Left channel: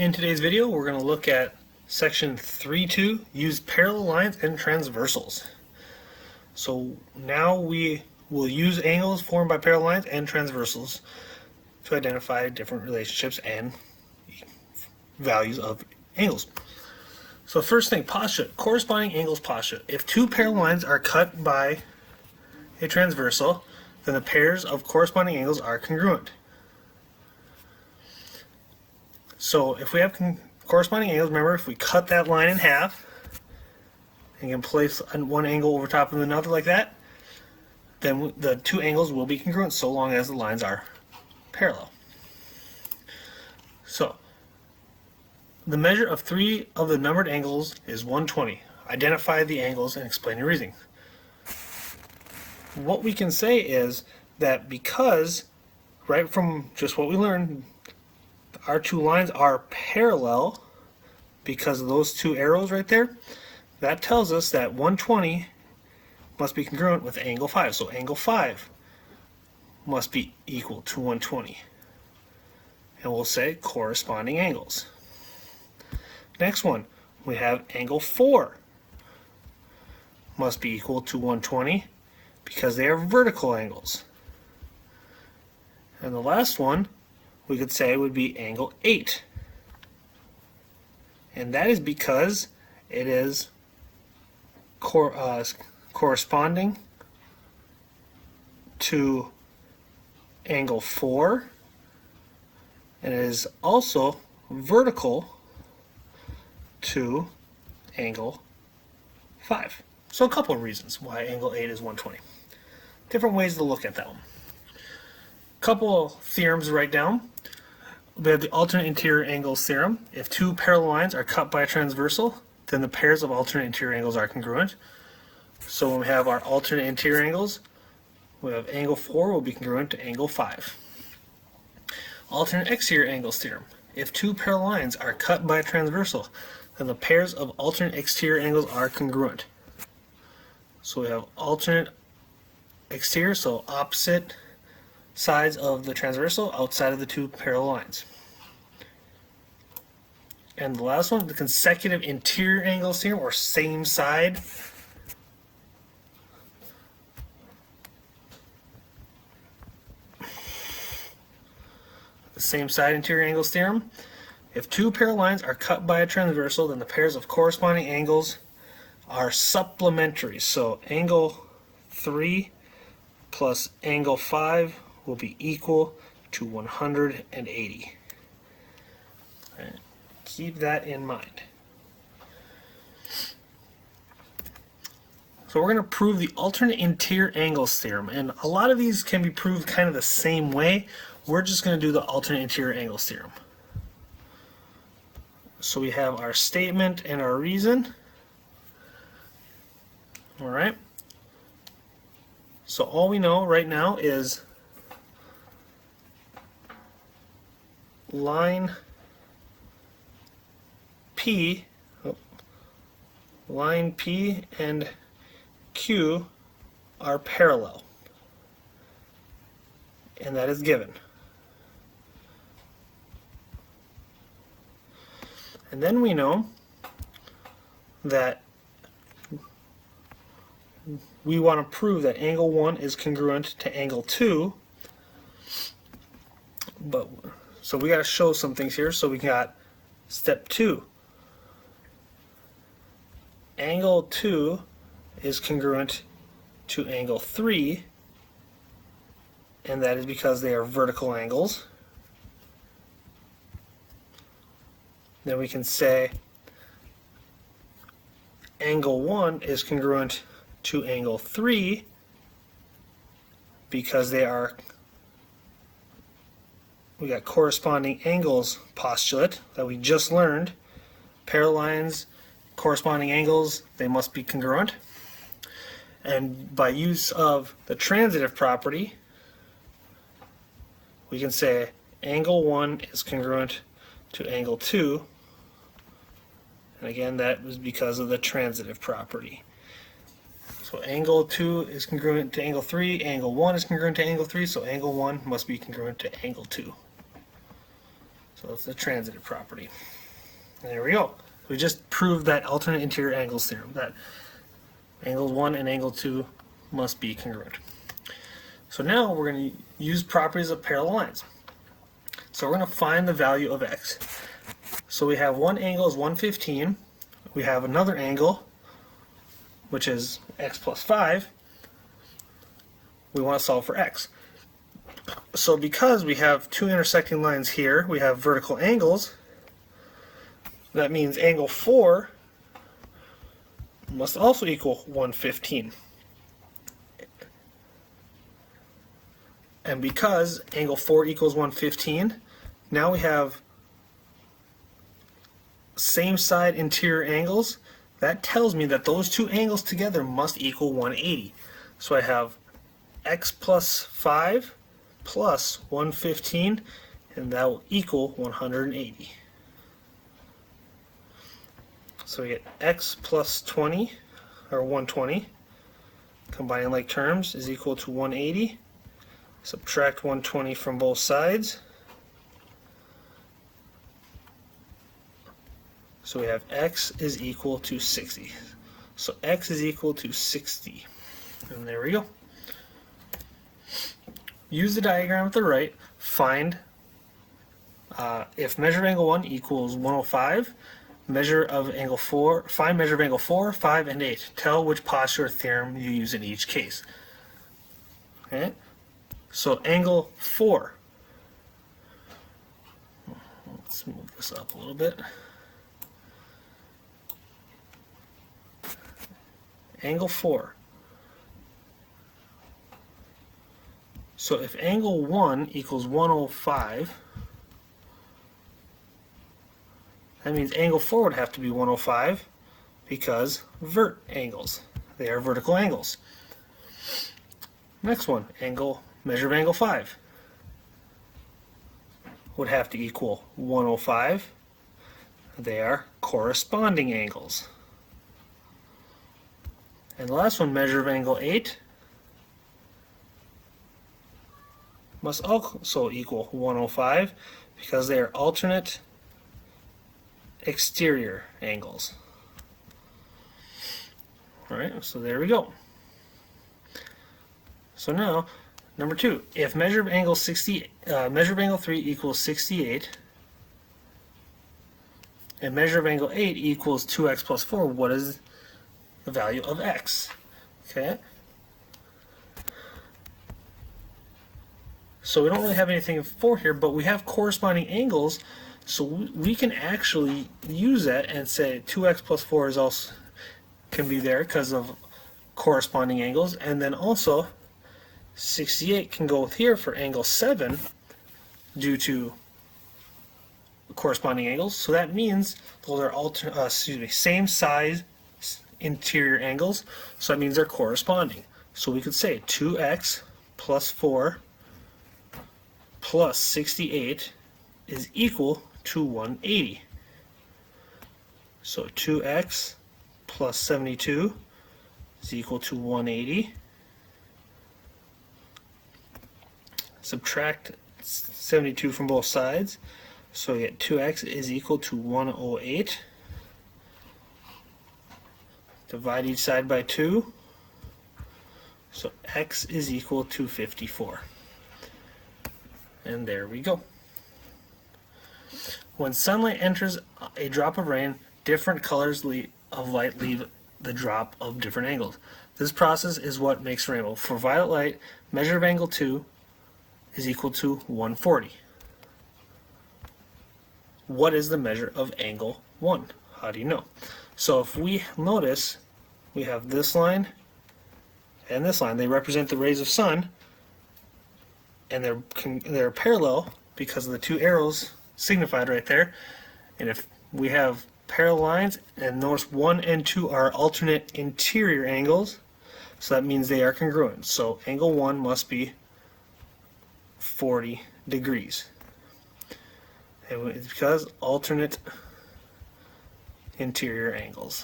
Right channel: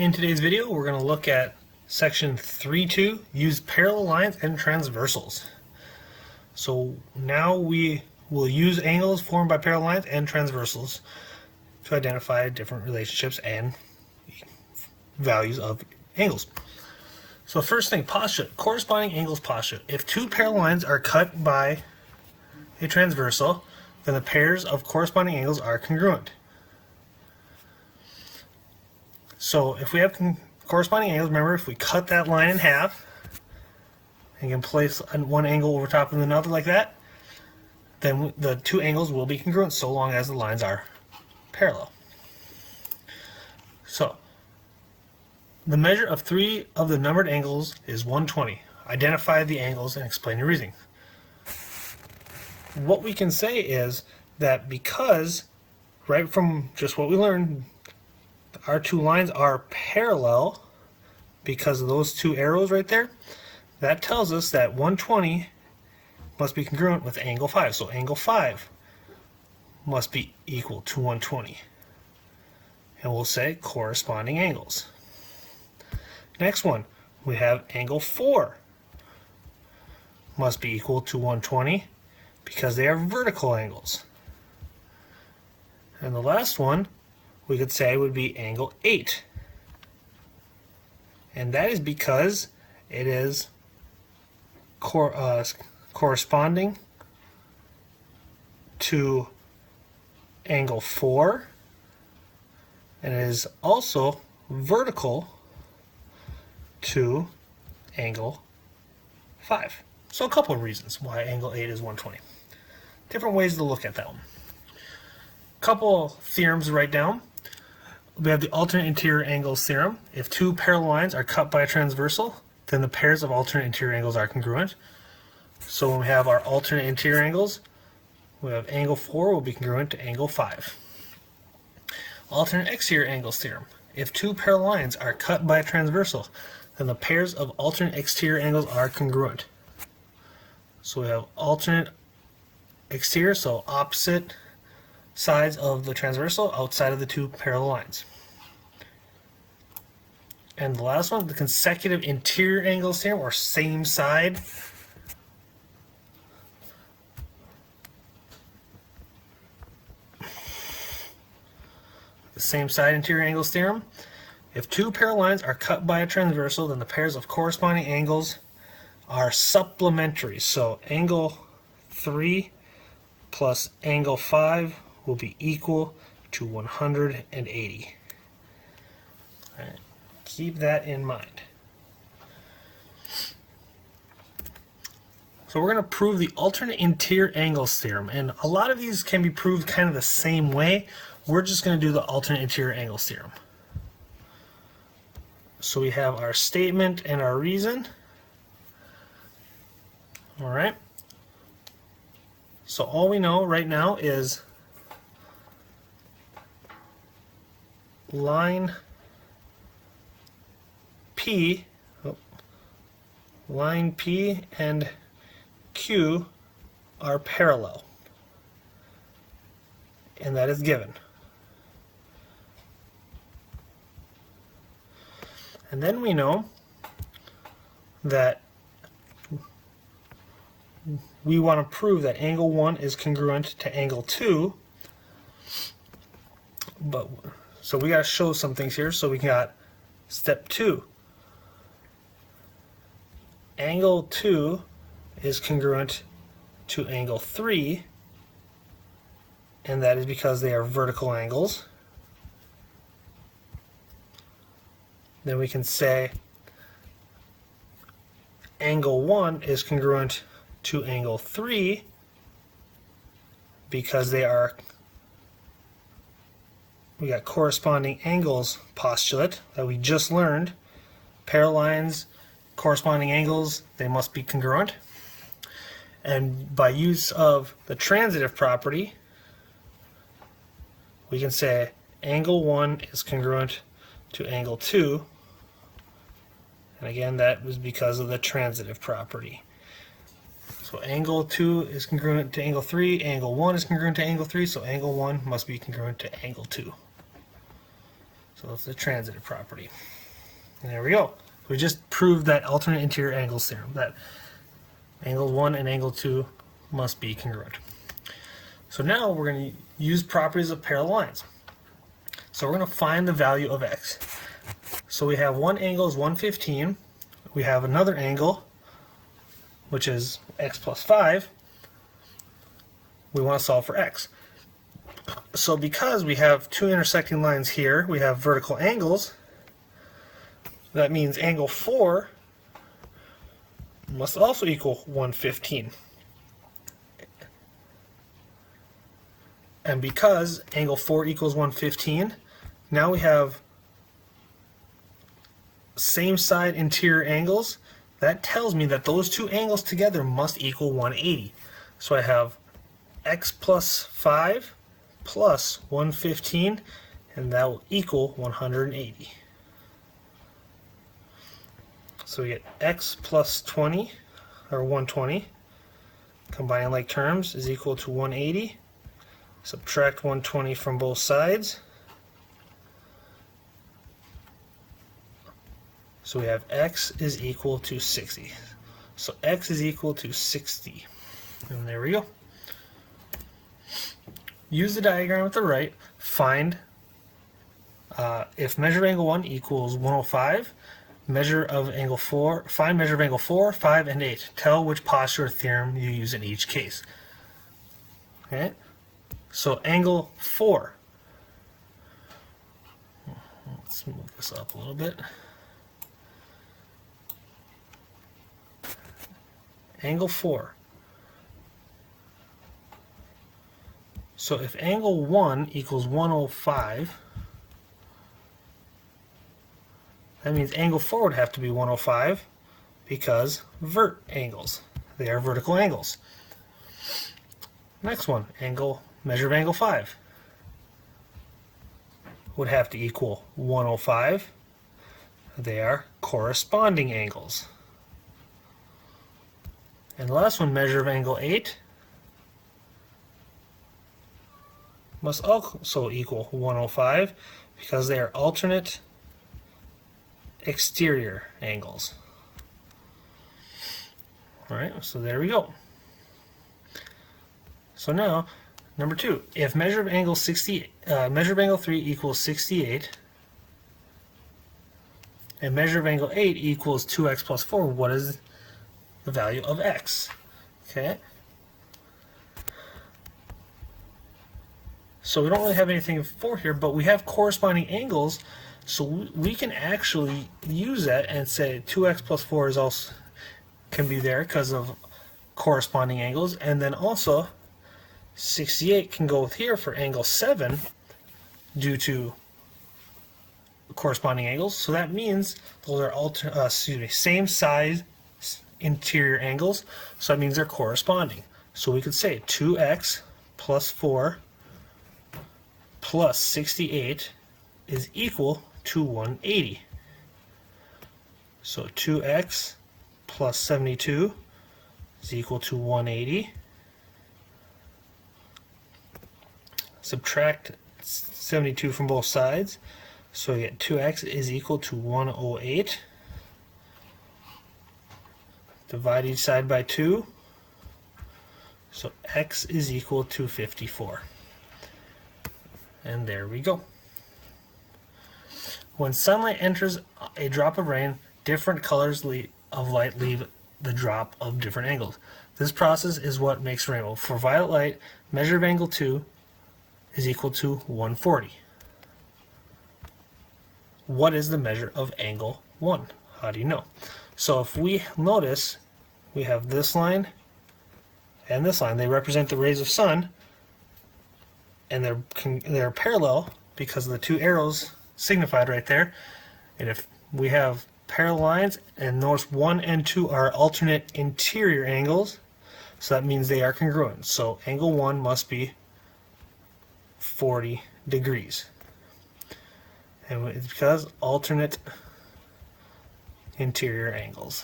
In today's video, we're going to look at section 3.2, use parallel lines and transversals. So now we will use angles formed by parallel lines and transversals to identify different relationships and values of angles. So first thing, postulate, corresponding angles postulate. If two parallel lines are cut by a transversal, then the pairs of corresponding angles are congruent. So if we have corresponding angles, remember if we cut that line in half, and you can place one angle over top of another like that, then the two angles will be congruent so long as the lines are parallel. So the measure of three of the numbered angles is 120. Identify the angles and explain your reasoning. What we can say is that because, right from just what we learned, our two lines are parallel because of those two arrows right there, that tells us that 120 must be congruent with angle 5. So angle 5 must be equal to 120. And we'll say corresponding angles. Next one, we have angle 4 must be equal to 120 because they are vertical angles. And the last one we could say would be angle 8. And that is because it is corresponding to angle 4, and it is also vertical to angle 5. So a couple of reasons why angle 8 is 120. Different ways to look at that one. Couple theorems to write down. We have the alternate interior angles theorem. If two parallel lines are cut by a transversal, then the pairs of alternate interior angles are congruent. So when we have our alternate interior angles, we have angle 4 will be congruent to angle 5. Alternate exterior angles theorem. If two parallel lines are cut by a transversal, then the pairs of alternate exterior angles are congruent. So we have alternate exterior, so opposite sides of the transversal outside of the two parallel lines. And the last one, the consecutive interior angles theorem, or same side. The same side interior angles theorem. If two parallel lines are cut by a transversal, then the pairs of corresponding angles are supplementary. So angle 3 plus angle 5 will be equal to 180. All right. Keep that in mind. So we're going to prove the alternate interior angles theorem, and a lot of these can be proved kind of the same way. We're just going to do the alternate interior angles theorem. So we have our statement and our reason. All right. So all we know right now is line P and Q are parallel, and that is given. And then we know that we want to prove that angle 1 is congruent to angle 2, so we got to show some things here. So we got step 2. Angle 2 is congruent to angle 3, and that is because they are vertical angles. Then we can say angle 1 is congruent to angle 3 because we got corresponding angles postulate that we just learned. Parallel lines, corresponding angles, they must be congruent. And by use of the transitive property, we can say angle 1 is congruent to angle 2. And again, that was because of the transitive property. So angle 2 is congruent to angle 3, angle 1 is congruent to angle 3, so angle 1 must be congruent to angle 2. So it's a transitive property. And there we go. We just proved that alternate interior angles theorem, that angle 1 and angle 2 must be congruent. So now we're going to use properties of parallel lines. So we're going to find the value of x. So we have one angle is 115. We have another angle, which is x plus 5. We want to solve for x. So because we have two intersecting lines here, we have vertical angles. That means angle 4 must also equal 115. And because angle 4 equals 115, now we have same side interior angles. That tells me that those two angles together must equal 180. So I have x plus 5 plus 115, and that will equal 180. So we get x plus 20, or 120, combined like terms, is equal to 180. Subtract 120 from both sides. So we have x is equal to 60. So x is equal to 60. And there we go. Use the diagram at the right. Find if measure of angle 1 equals 105, measure of angle 4, find measure of angle 4, 5, and 8. Tell which postular theorem you use in each case. Okay? So angle 4. Let's move this up a little bit. Angle 4. So if angle 1 equals 105, that means angle 4 would have to be 105 because vert angles. They are vertical angles. Next one, measure of angle 5 would have to equal 105. They are corresponding angles. And the last one, measure of angle 8, must also equal 105 because they are alternate exterior angles. Alright, so there we go. So now, number 2, if measure of angle 3 equals 68, and measure of angle 8 equals 2x plus 4, what is the value of x? Okay. So we don't really have anything for here, but we have corresponding angles, so we can actually use that and say 2x plus 4 is also can be there because of corresponding angles, and then also 68 can go here for angle 7 due to corresponding angles. So that means those are same size interior angles, so that means they're corresponding. So we could say 2x plus 4 plus 68 is equal to 180. So 2x plus 72 is equal to 180. Subtract 72 from both sides, so we get 2x is equal to 108. Divide each side by 2, so x is equal to 54. And there we go. When sunlight enters a drop of rain, different colors of light leave the drop of different angles. This process is what makes a rainbow. For violet light, measure of angle 2 is equal to 140. What is the measure of angle 1? How do you know? So if we notice, we have this line and this line. They represent the rays of sun, and they're parallel because of the two arrows signified right there. And if we have parallel lines, and notice 1 and 2 are alternate interior angles, so that means they are congruent. So angle 1 must be 40 degrees. And it's because alternate interior angles.